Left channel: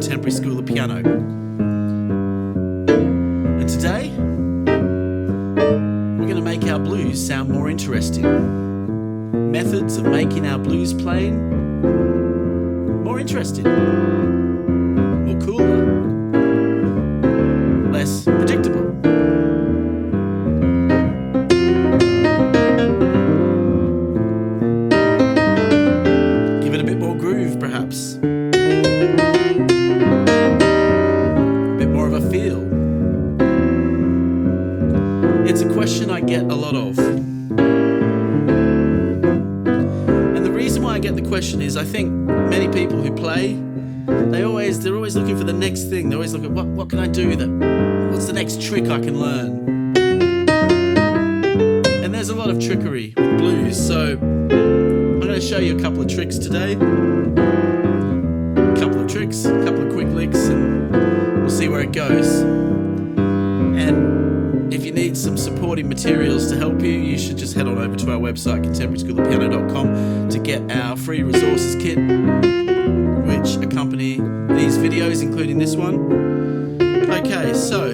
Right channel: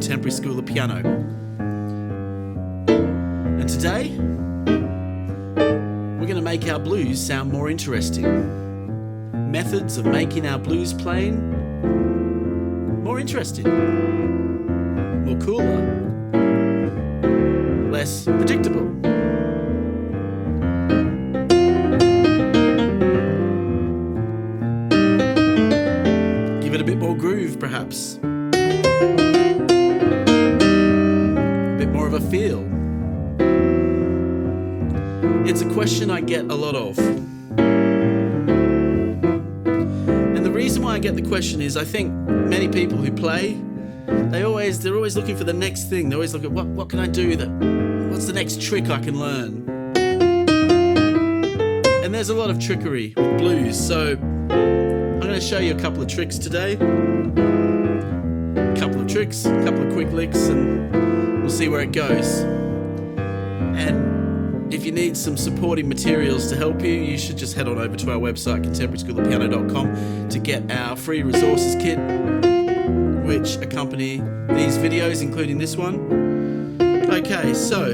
Contemporary School of Piano. And today, we're going to make our blues sound more interesting. Methods of making our blues playing more interesting, more cooler, less predictable. Give it a bit more groove, perhaps. A bit more of a feel. It's a question I get a lot of. And the reason why I get the question is I think many people who play, they're always looking for the next thing. They always look at what can I do, what's the next trick I can learn? And there's a lot of trickery with blues, so I'm going to show you a couple of tricks today. A couple of quick licks, and we'll see where it goes. And if you need some supporting materials to help you, you should just head on over to our website, contemporaryschoolofpiano.com, to get our free resources kit, which accompany these videos, including this one. Okay, so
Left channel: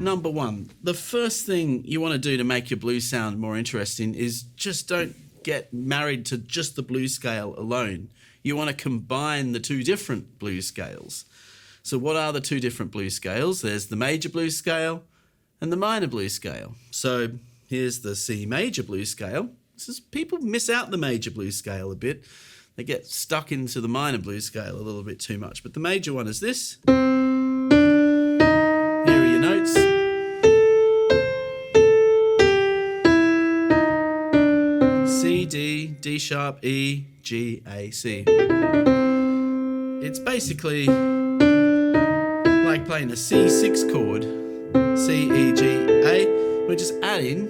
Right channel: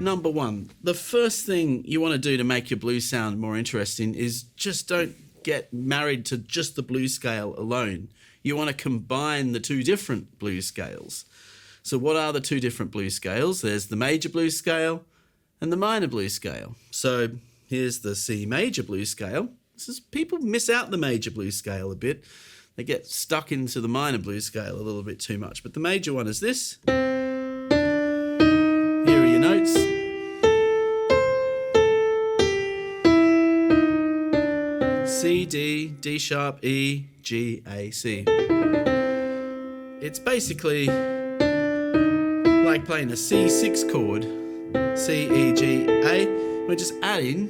number one, the first thing you want to do to make your blues sound more interesting is just don't get married to just the blues scale alone. You want to combine the two different blues scales. So what are the two different blues scales? There's the major blues scale and the minor blues scale. So here's the C major blues scale. People miss out the major blues scale a bit. They get stuck into the minor blues scale a little bit too much. But the major one is this. Here are your notes. C, D, D sharp, E, G, A, C. It's basically like playing a C6 chord, C, E, G, A. We're just adding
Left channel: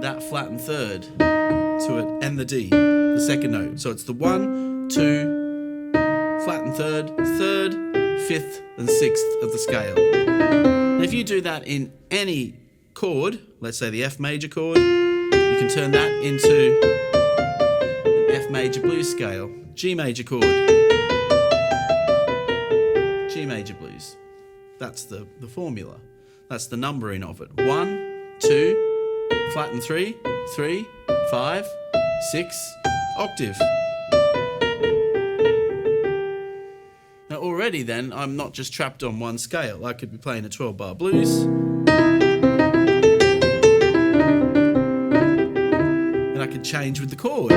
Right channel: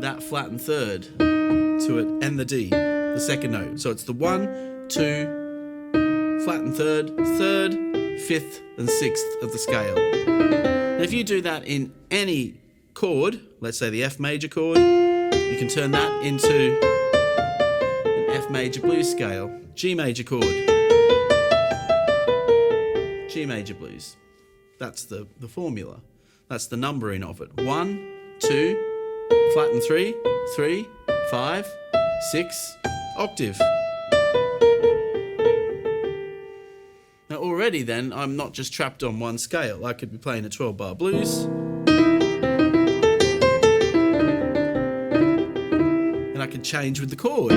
that flattened third to it and the D, the second note. So it's the 1, 2, flattened third, third, fifth, and sixth of the scale. Now if you do that in any chord, let's say the F major chord, you can turn that into an F major blues scale. G major chord. G major blues. That's the formula. That's the numbering of it. 1, 2, flatten 3, 3, 5, 6, octave. Now already then, I'm not just trapped on one scale. I could be playing a 12-bar blues. I could change with the chord.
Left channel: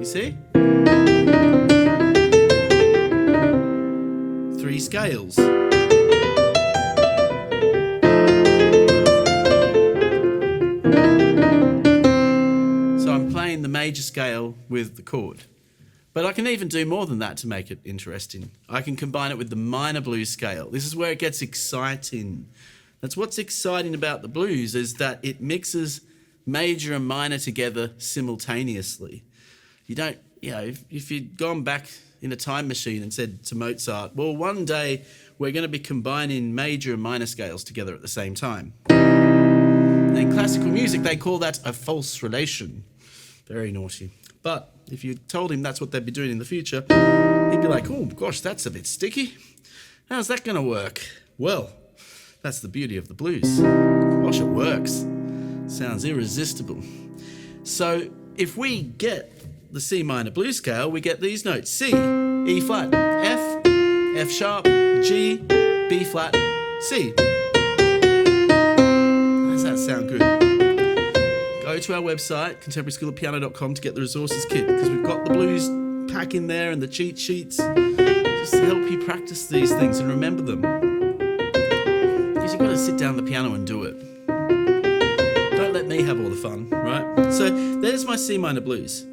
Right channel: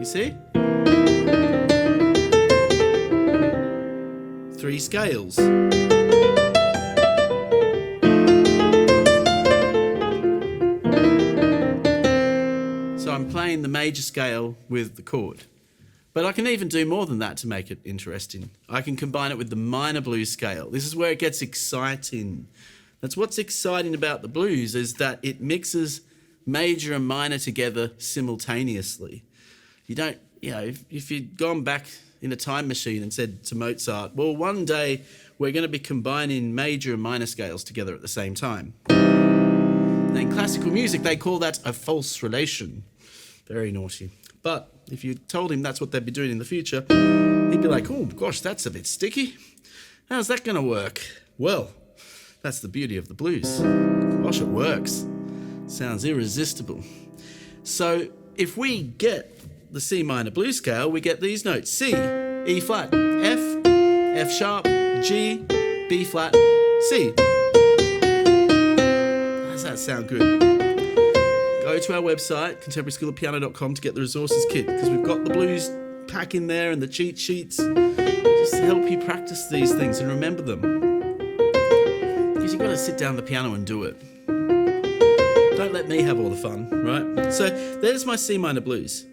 You see? 3 scales. So I'm playing the major scale with the chord. But I can even do more than that to make it interesting. I can combine it with the minor blues scale. This is where it gets exciting. That's what's exciting about the blues, is that it mixes major and minor together simultaneously. You don't, if you'd gone back in a time machine and said to Mozart, well, one day we're going to be combining major and minor scales together at the same time. And in classical music, they call that a false relation. Very naughty. But if you told him that's what they'd be doing in the future, he'd be like, oh, gosh, that's a bit sticky. How's that going to work? Well, that's the beauty of the blues. Gosh, it works. Sounds irresistible. So if we get the C minor blues scale, we get these notes: C, E flat, F, F sharp, G, B flat, C. Does that sound good? Go to our website, contemporaryschoolofpiano.com, to get the resources kit, because we've got the blues pack in there and the cheat sheets just to help you practice these things and remember them. Because you've got to sit down the piano and do it. Don't let me have all the fun, right? So there's my C minor blues.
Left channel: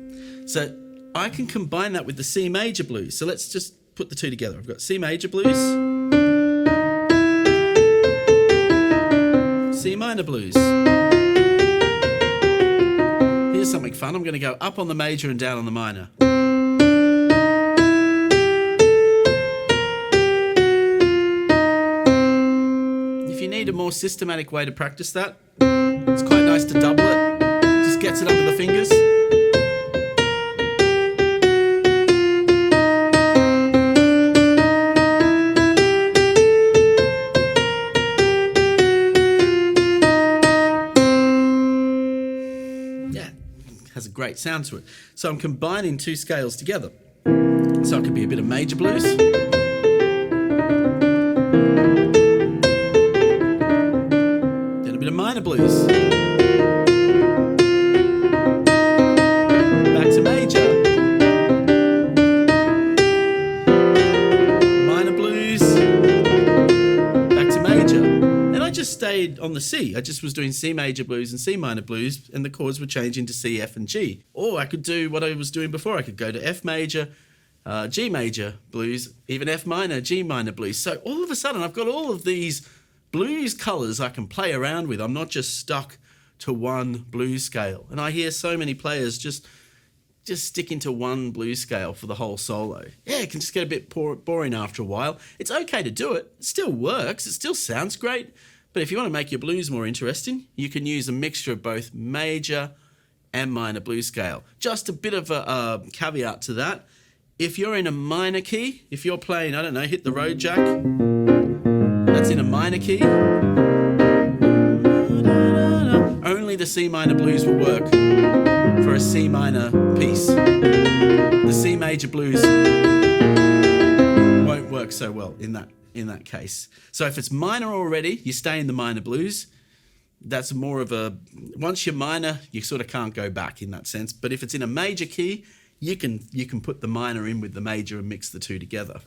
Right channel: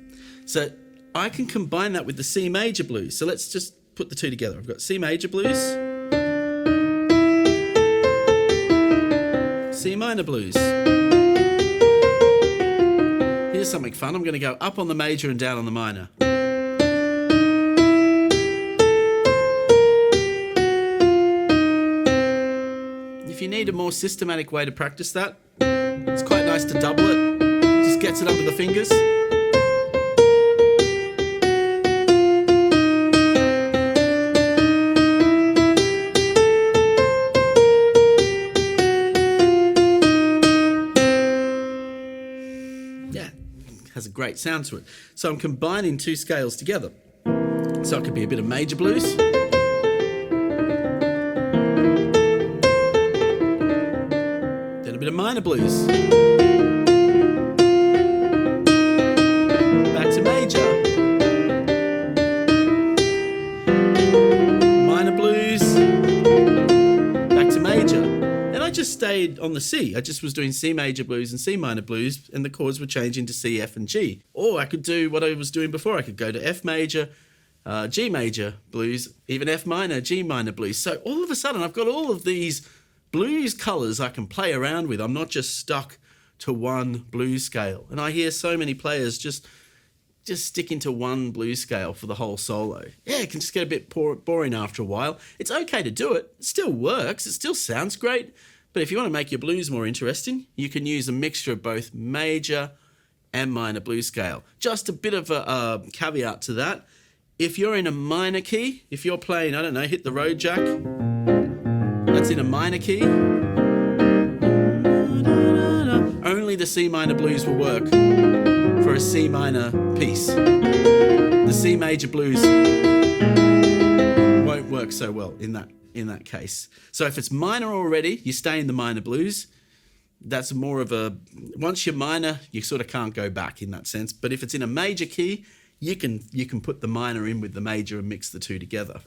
So I can combine that with the C major blues. So let's just put the two together. I've got C major blues, C minor blues. Here's something fun. I'm going to go up on the major and down on the minor. If you need a more systematic way to practice that, it's quite nice to double it. Just gets it under the fingers. has a great sound to it. So I'm combining two scales together. So it could be a bit of major blues. Then a bit of minor blues. Back to major. Minor blues. Back to major. And I just stayed on the C. I just was doing C major blues and C minor blues, and the chords were changing to C, F, and G. Or I could do what I was doing before. I could go to F major, G major blues, even F minor, G minor blues. So all of a sudden, I've got all of these blues colours I can play around with. I'm not just stuck to one blues scale. And I hear so many players just sticking to one blues scale for the whole solo. Yeah, it can just get a bit boring after a while. It's okay to do it. It still works. It still sounds great. But if you want to make your blues more interesting, you can use a mixture of both major and minor blues scale. Just a bit of a caveat to that. If you're in a minor key, if you're playing, I don't know, Hit the Road Jack, that's in a minor key, only the C minor blues will work for a C minor piece. The C major blues won't work so well in that case. So if it's minor already, you stay in the minor blues. That's more of a, once you're minor, you sort of can't go back in that sense. But if it's in a major key, you can put the minor in with the major and mix the two together.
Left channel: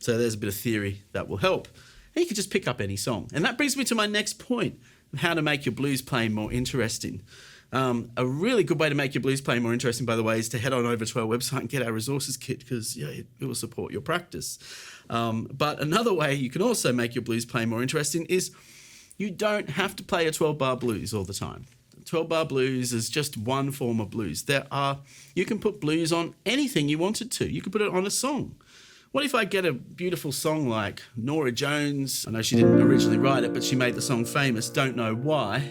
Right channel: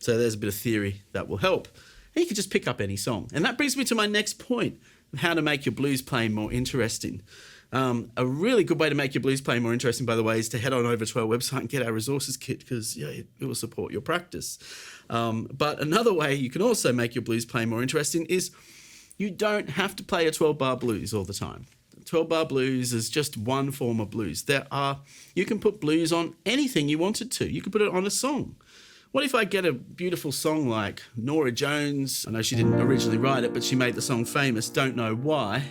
So there's a bit of theory that will help. And you can just pick up any song. And that brings me to my next point, how to make your blues playing more interesting. A really good way to make your blues playing more interesting, by the way, is to head on over to our website and get our resources kit, because it will support your practice. But another way you can also make your blues playing more interesting is you don't have to play a 12-bar blues all the time. 12-bar blues is just one form of blues. You can put blues on anything you wanted to. You can put it on a song. What if I get a beautiful song like Norah Jones? I know she didn't originally write it, but she made the song famous, Don't Know Why.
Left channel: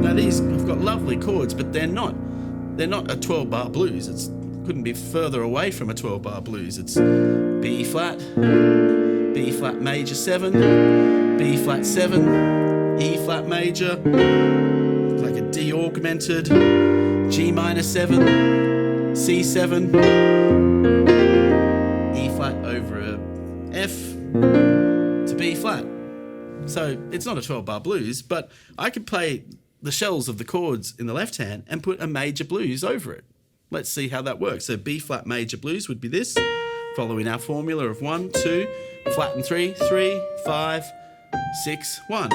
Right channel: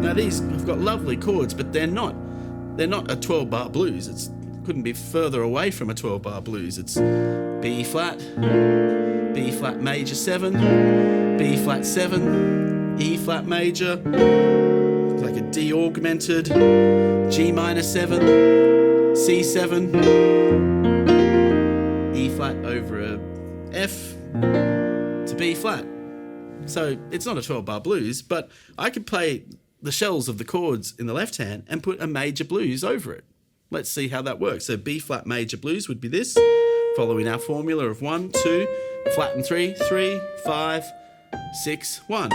Now these have got lovely chords, but they're not a 12-bar blues. It couldn't be further away from a 12-bar blues. It's B flat major 7, B flat 7, E flat major, like a D augmented, G minor 7, C7, E flat over a F to B flat. So it's not a 12-bar blues, but I could play the shells of the chords in the left hand and put a major blues over it. Let's see how that works. So B flat major blues would be this, following our formula of 1, 2, flat and 3, 3, 5, 6, 1.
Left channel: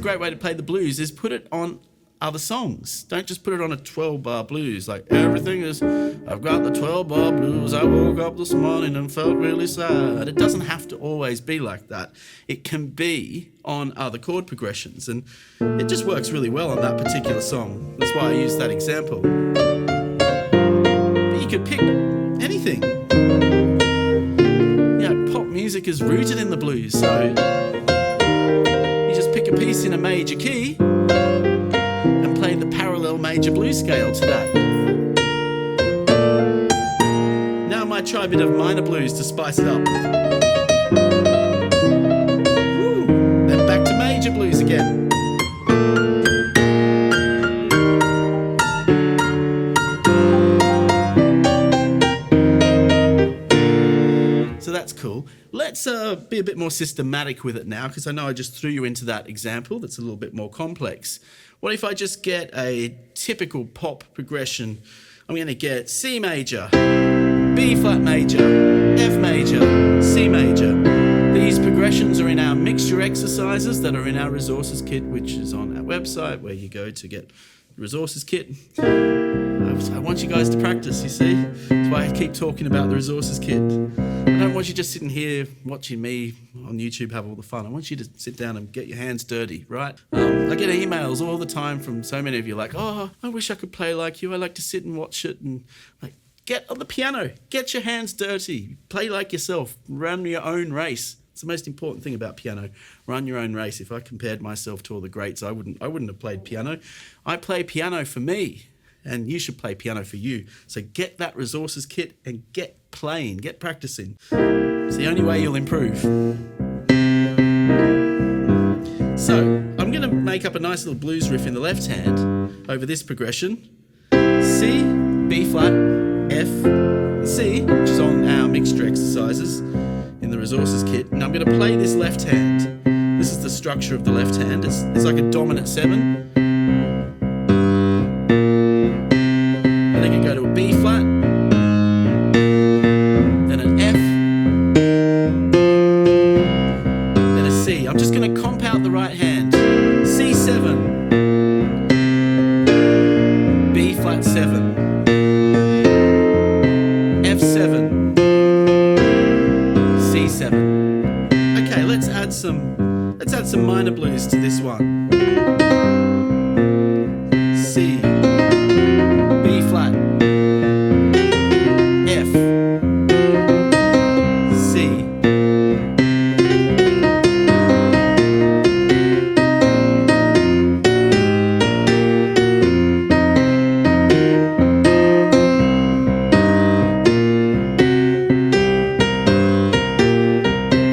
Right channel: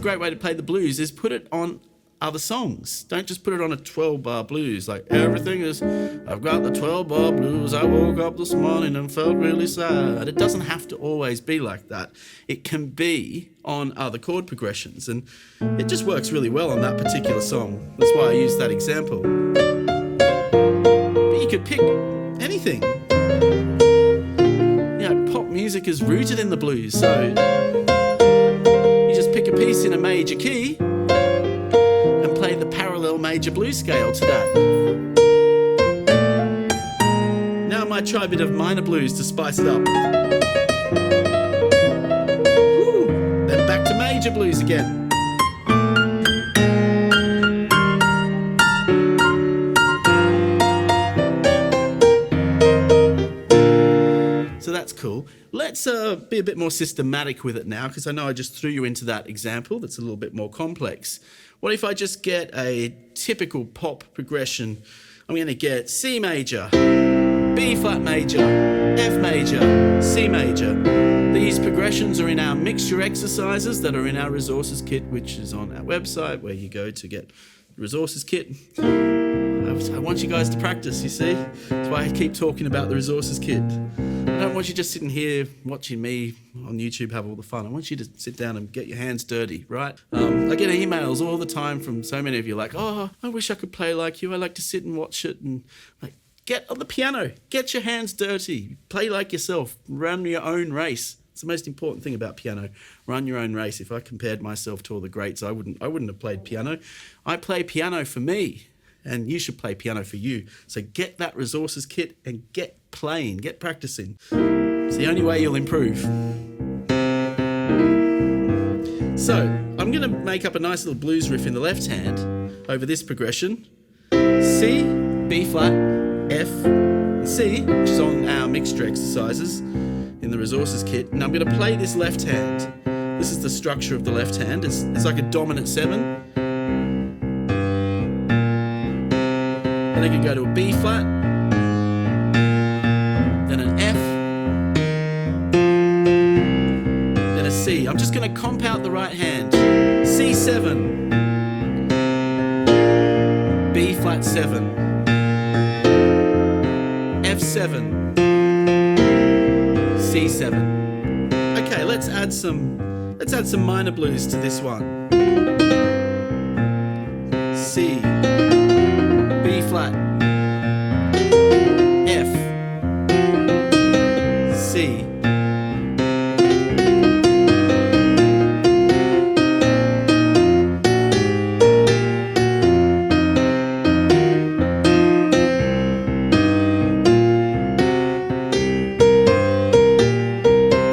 Great way to play the blues is put it on other songs. Don't just put it on a 12-bar blues. Like everything is, I've got the 12-bar blues. I woke up this morning and felt really sad. It doesn't have to always be like that. It can be on other chord progressions, and it just works really well on that particular song. That's why I used that example. But you could pick anything. Pop music is rooted in the blues, so just pick a piece in a major key and play the parallel major blues scale to that. Now I might try a bit of minor blues to spice it up. Woo. Then back to major blues again. So that's cool. Let's be a bit more systematic with it now, because I know I just threw you into that example that's a little bit more complex. What if I just get a typical pop progression? I'm going to get C major, B flat major, F major, C major. These progressions are in our mixture exercises that are in our resources kit, which is on our website, where you go to get the resources kit. I want you guys to practice, you see? That's why I keep talking about the resources kit. I don't want you just sitting here watching me on YouTube have all the fun. I want you to sit down and get your hands dirty, right? I get emails all the time from so many of you like, oh, I wish I could play like you. I like to sit and watch it. And like, Get on the piano. Get your hands dirty. Play like yourself. Run your own race. It's the most important thing about piano. Run your own race. If I compared myself to all the greats, I wouldn't have played piano. I play piano for me, and you should play piano for you. So get that resources kit and get playing, get practicing. It's the only way you'll improve. So I'm going to make up a nice little blues riff in the left hand over this progression. C, B flat, F, and C, which is on our mixture exercises in the resources kit. And I'm going to play this left hand. This is the structure of the left hand. It's like a dominant 7. And then I can go to a B flat, then an F, then a C. I'm just going to comp out the right hand. C7, B flat 7, F7, C7. Okay, let's add some minor blues to this one. C, B flat, F, C.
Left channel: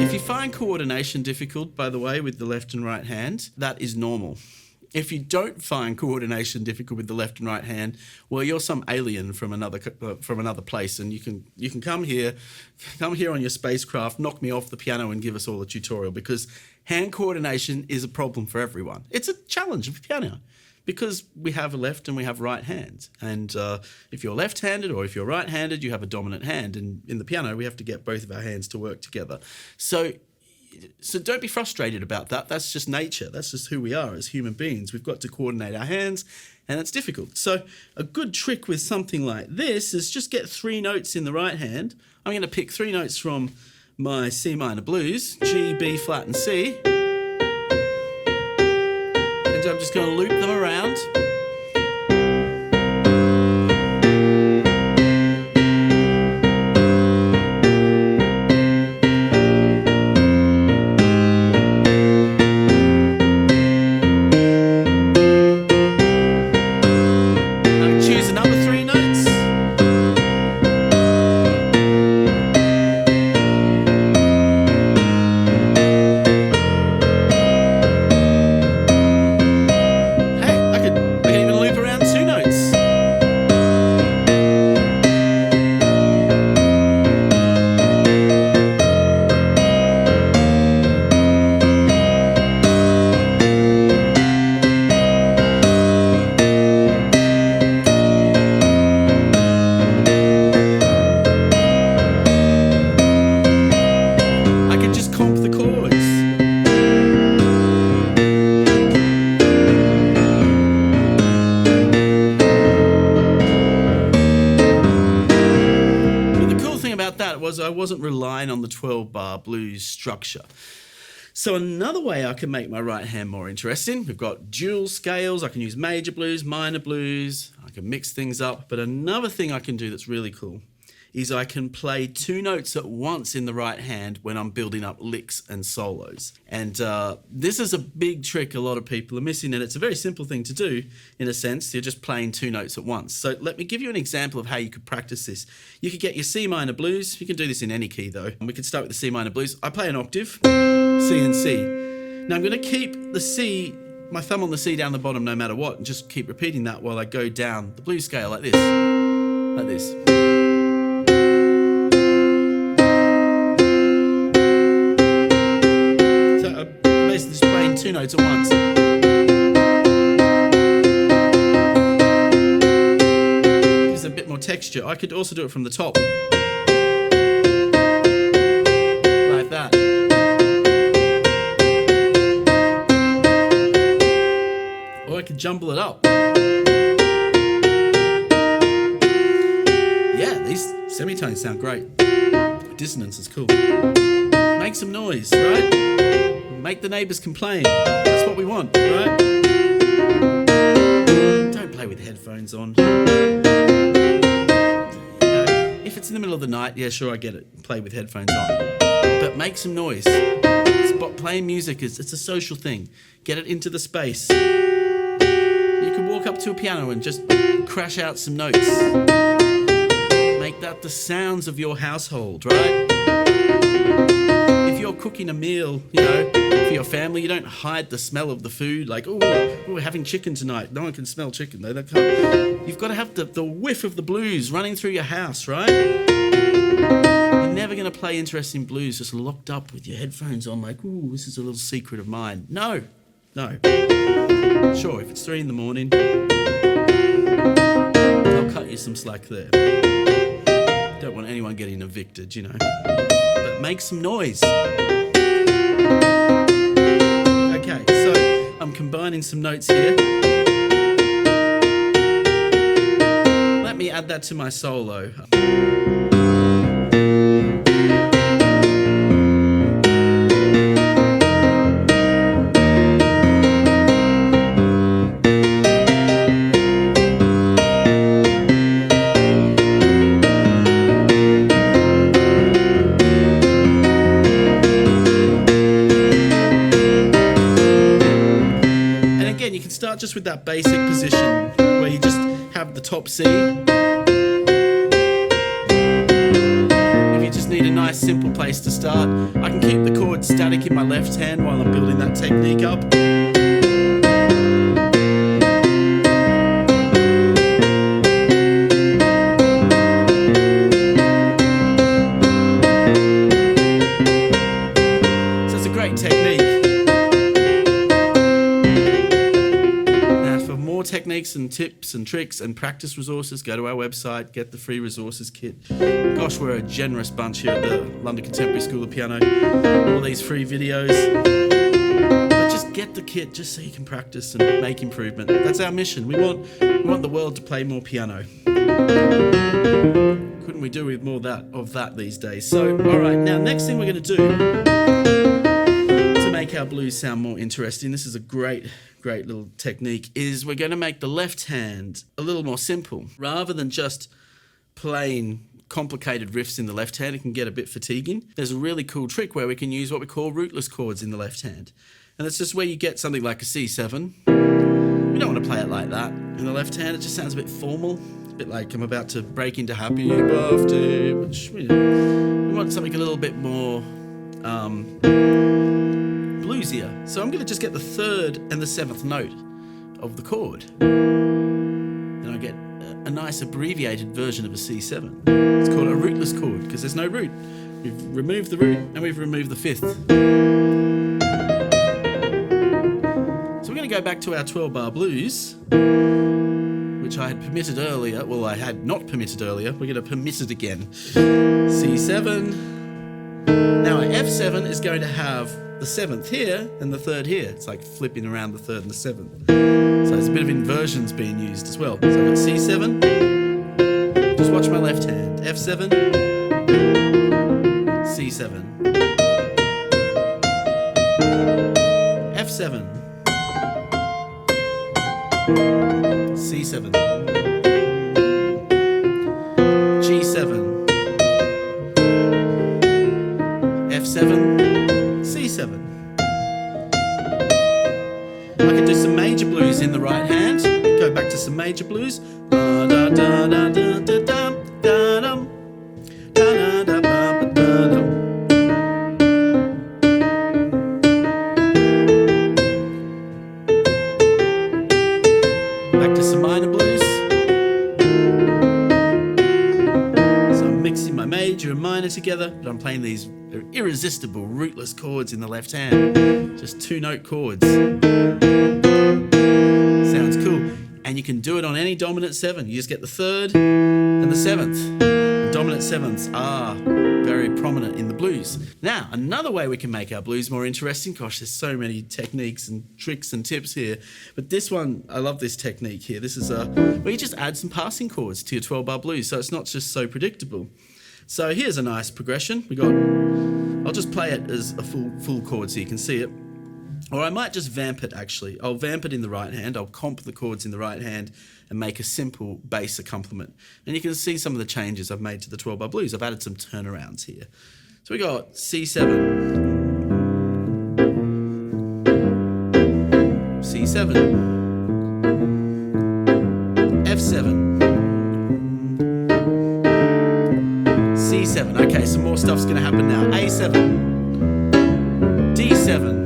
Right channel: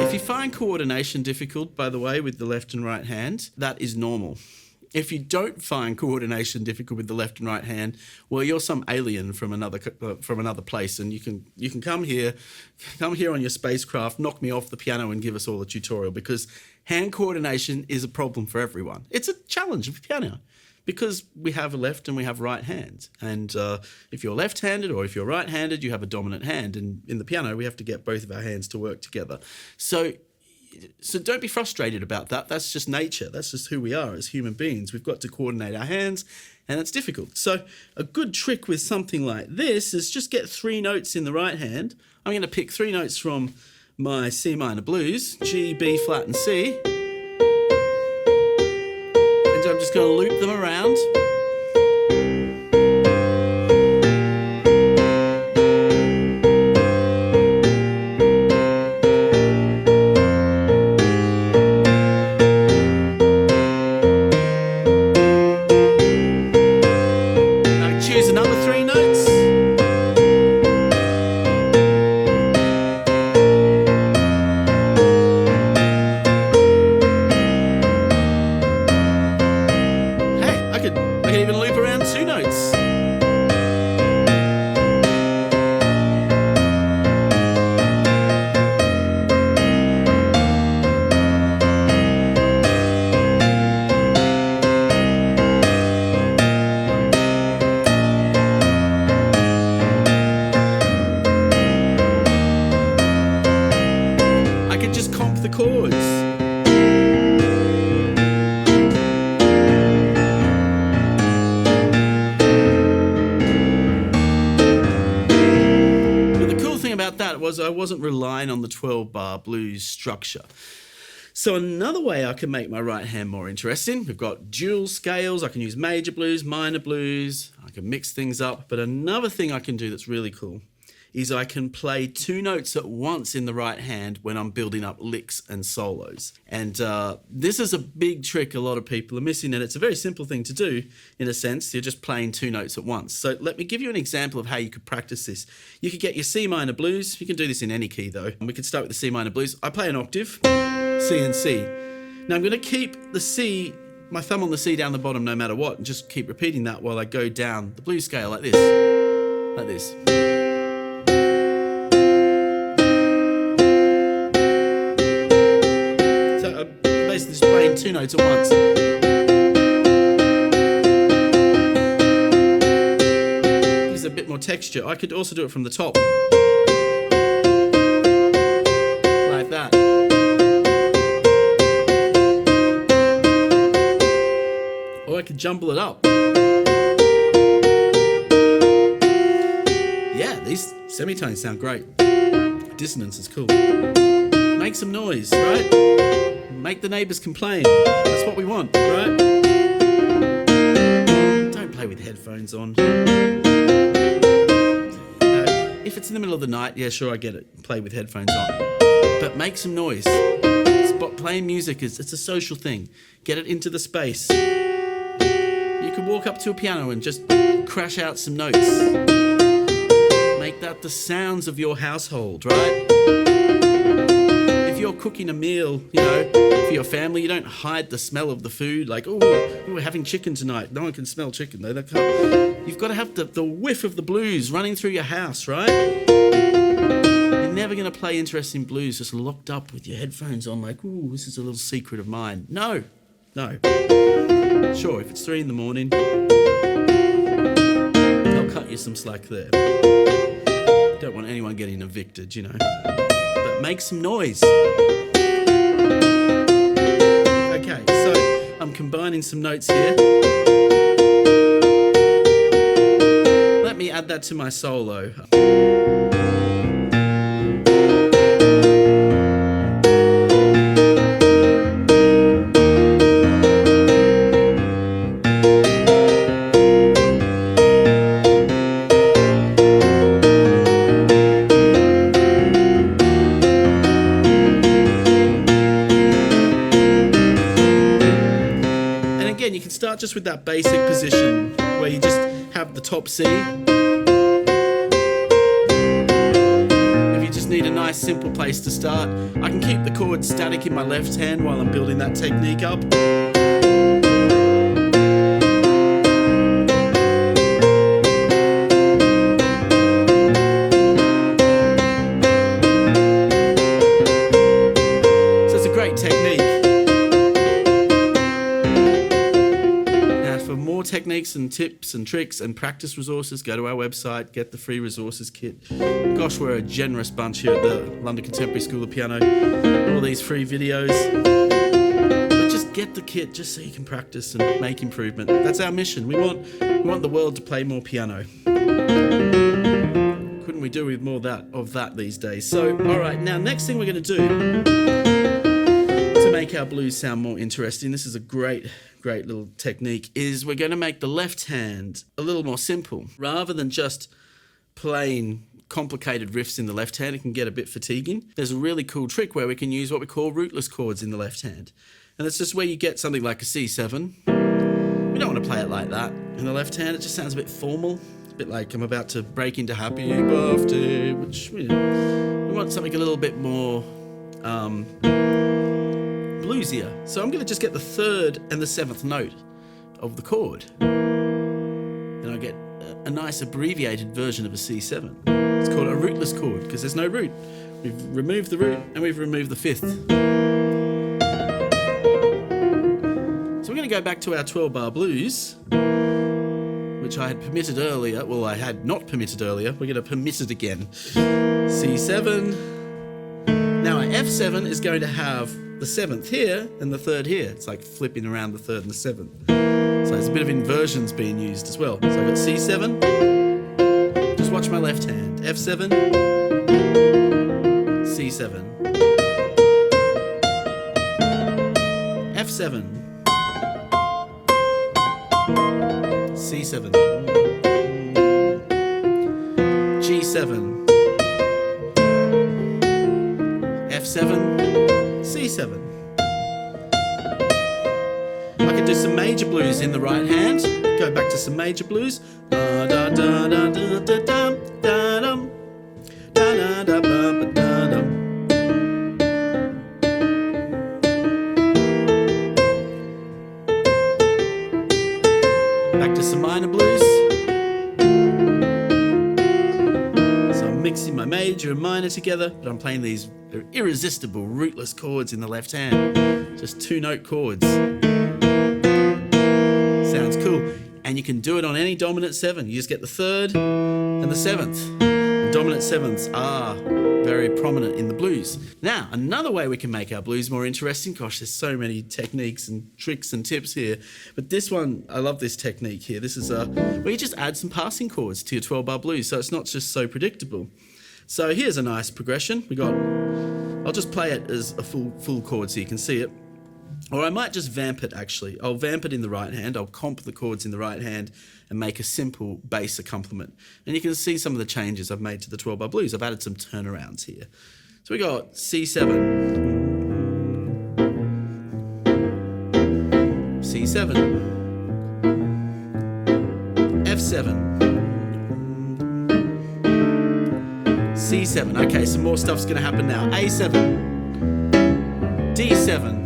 If you find coordination difficult, by the way, with the left and right hand, that is normal. If you don't find coordination difficult with the left and right hand, well, you're some alien from another place, and you can come here on your spacecraft, knock me off the piano, and give us all a tutorial, because hand coordination is a problem for everyone. It's a challenge of piano because we have a left and we have right hand, and if you're left-handed or if you're right-handed, you have a dominant hand, and in the piano we have to get both of our hands to work together. So don't be frustrated about that. That's just nature. That's just who we are as human beings. We've got to coordinate our hands, and it's difficult. So a good trick with something like this is just get 3 notes in the right hand. I'm going to pick 3 notes from my C minor blues, G, B flat, and C. And I'm just going to loop them around. Choose another 3 notes. Hey, I could even loop around 2 notes. I can just comp the chords. But the cool thing about that was I wasn't relying on the 12-bar blues structure. So another way I can make my right hand more interesting, we've got dual scales. I can use major blues, minor blues. I can mix things up. But another thing I can do that's really cool is I can play 2 notes at once in the right hand when I'm building up licks and solos. And this is a big trick a lot of people are missing, and it's a very simple thing to do in a sense. You're just playing 2 notes at once. So let me give you an example of how you could practice this. You could get your C minor blues. You can do this in any key though. We could start with the C minor blues. I play an octave, C and C. Now I'm going to keep the C, my thumb on the C down the bottom no matter what, and just keep repeating that while I go down the blues scale like this. Like this. Basically just playing 2 notes at once. Gives it a bit more texture. I could also do it from the top. Like that. Or I could jumble it up. Yeah, these semitones sound great. Dissonance is cool. Make some noise, right? Make the neighbours complain. That's what we want, right? Don't play with headphones on. if it's in the middle of the night, yeah, sure, I get it. Play with headphones on. But make some noise. Playing music it's a social thing. Get it into the space. You can walk up to a piano and just crash out some notes. Make that the sounds of your household, right? If you're cooking a meal, for your family, you don't hide the smell of the food. Like, we're having chicken tonight. No one can smell chicken, though. They can't. You've got to have the whiff of the blues running through your house, right? You're never going to play interesting blues just locked up with your headphones on like, this is a little secret of mine. No. Sure, if it's 3 a.m, they'll cut you some slack there. Don't want anyone getting evicted, But make some noise. Okay, so I'm combining some notes here. Let me add that to my solo. You can start just with that basic position where you just have the top C. If you just need a nice simple place to start, I can keep the chord static in my left hand while I'm building that technique up. So it's a great technique. Techniques and tips and tricks and practice resources, go to our website, get the free resources kit. Gosh, we're a generous bunch here at the London Contemporary School of Piano. All these free videos. But just get the kit just so you can practice and make improvement. That's our mission. We want the world to play more piano. Couldn't we do with more of that these days? So, all right, now next thing we're going to do to make our blues sound more interesting, this is a great little technique, is we're going to make the left hand a little more simple. Rather than just playing complicated riffs in the left hand, it can get a bit fatiguing. There's a really cool trick where we can use what we call rootless chords in the left hand. And that's just where you get something like a C7. We don't want to play it like that in the left hand. It just sounds a bit formal. It's a bit like I'm about to break into Happy Birthday, which, we want something a little bit more bluesier. So I'm going to just get the 3rd and the 7th note of the chord. And I get a nice abbreviated version of a C7. It's called a rootless chord because there's no root. We've removed the root and we've removed the 5th. So we're going to go back to our 12-bar blues, which I had permitted earlier. Well, I had not permitted earlier. We're going to permit it again. C7. Now our F7 is going to have the 7th here and the 3rd here. It's like flipping around the 3rd and the 7th. So there's a bit of inversions being used as well. So I've got C7. Just watch my left hand. F7. C7. F7. C7. G7. F7. C7. I could do some major blues in the right hand. Go back to some major blues. Da da da da da da da da dum. Da da da da da dum. Back to some minor blues. So I'm mixing my major and minor together, but I'm playing these irresistible rootless chords in the left hand. Just 2-note chords. Sounds cool. And you can do it on any dominant 7. You just get the 3rd and the 7th. The dominant 7ths are very prominent in the blues. Now, another way we can make our blues more interesting, gosh, there's so many techniques and tricks and tips here, but this one, I love this technique here. This is where you just add some passing chords to your 12-bar blues, so it's not just so predictable. So here's a nice progression. I'll just play it as a full chord so you can see it. Or I might just vamp it, actually. I'll vamp it in the right hand. I'll comp the chords in the right hand and make a simple bass accompaniment. And you can see some of the changes I've made to the 12-bar blues. I've added some turnarounds here. So we got C7, C7, F7, C7. Okay, some more stuff's going to happen now. A7, D7,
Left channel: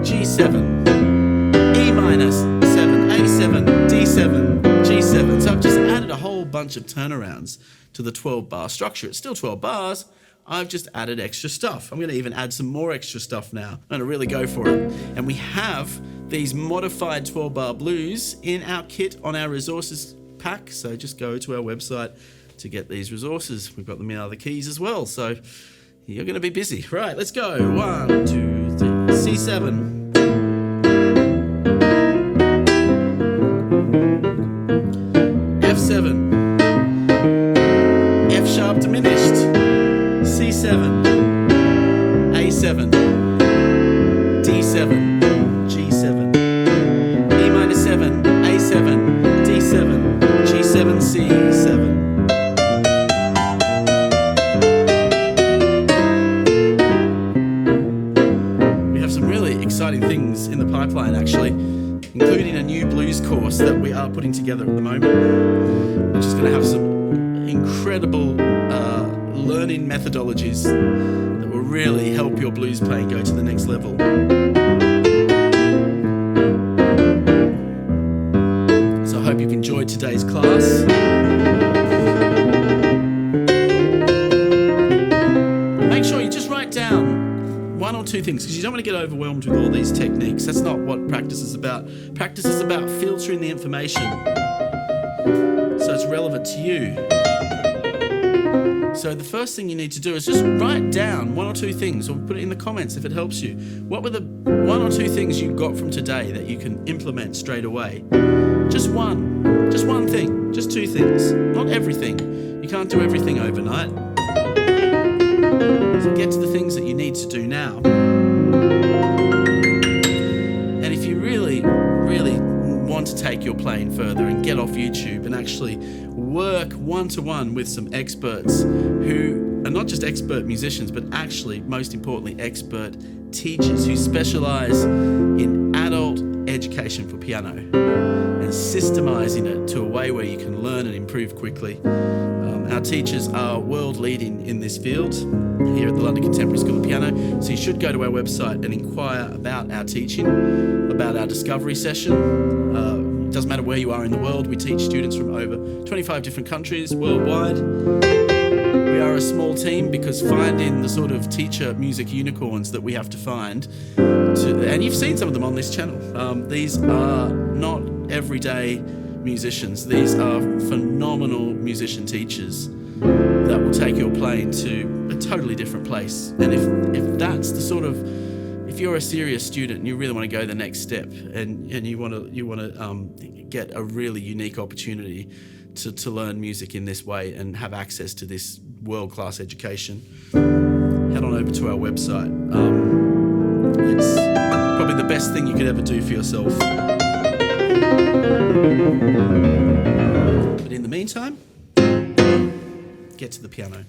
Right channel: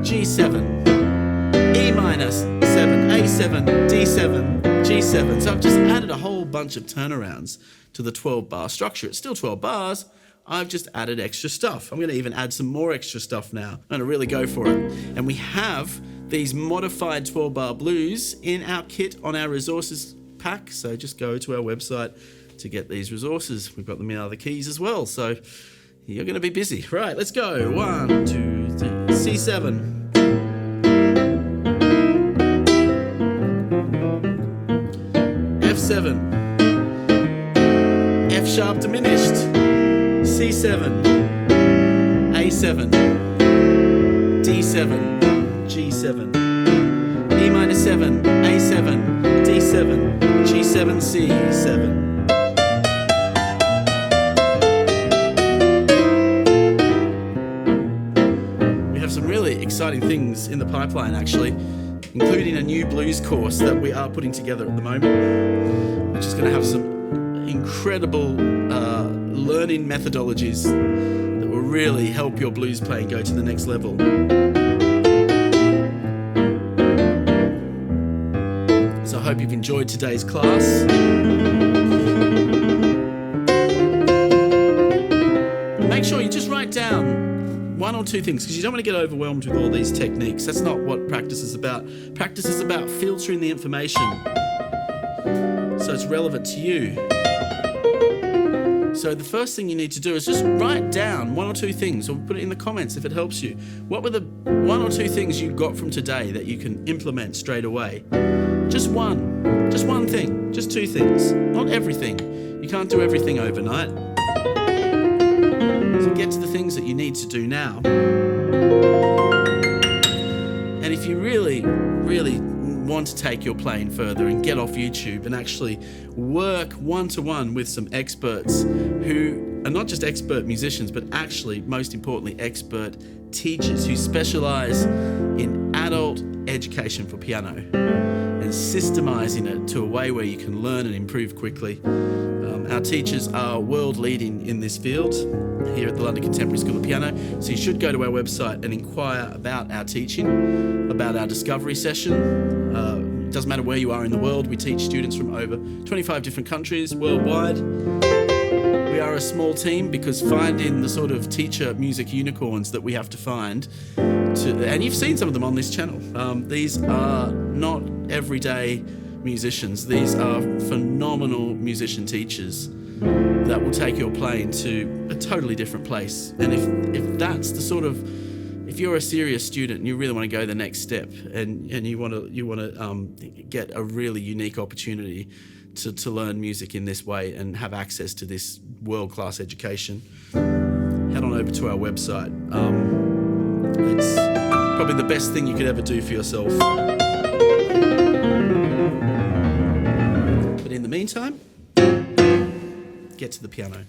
G7, E minus 7, A7, D7, G7. So I've just added a whole bunch of turnarounds to the 12-bar structure. It's still 12 bars. I've just added extra stuff. I'm going to even add some more extra stuff now. I'm going to really go for it. And we have these modified 12-bar blues in our kit on our resources pack. So just go to our website to get these resources. We've got them in other keys as well. So you're going to be busy. Right, let's go. 1, 2, 3. C7. F7. F sharp diminished. C7. A7. D7. G7. E minor 7. A7. D7. G7. C7. Some really exciting things in the pipeline, actually, including a new blues course that we are putting together at the moment, which is going to have some incredible learning methodologies that will really help your blues playing go to the next level. So I hope you've enjoyed today's class. Make sure you just write down one or two things, because you don't want to get overwhelmed with all these techniques. That's not what practice is about. Practice is about filtering the information so it's relevant to you. So the first thing you need to do is just write down one or two things, or put it in the comments if it helps you. What were the one or two things you got from today that you can implement straight away? Just one thing, just two things, not everything. You can't do everything overnight. So get to the things that you need to do now. And if you really, really want to take your playing further and get off YouTube and actually work one-to-one with some experts who are not just expert musicians, but actually, most importantly, expert teachers who specialize in adult education for piano and systemizing it to a way where you can learn and improve quickly. Our teachers are world leading in this field here at the London Contemporary School of Piano. So you should go to our website and inquire about our teaching, about our discovery session. It doesn't matter where you are in the world. We teach students from over 25 different countries worldwide. We are a small team because finding the sort of teacher music unicorns that we have to find, and you've seen some of them on this channel. These are not everyday musicians. These are phenomenal musician teachers that will take your playing to a totally different place. And if that's the sort of, if you're a serious student and you really want to go the next step, and you want to get a really unique opportunity to learn music in this way and have access to this world-class education, head on over to our website. It's probably the best thing you could ever do for yourself. But in the meantime, get to the piano.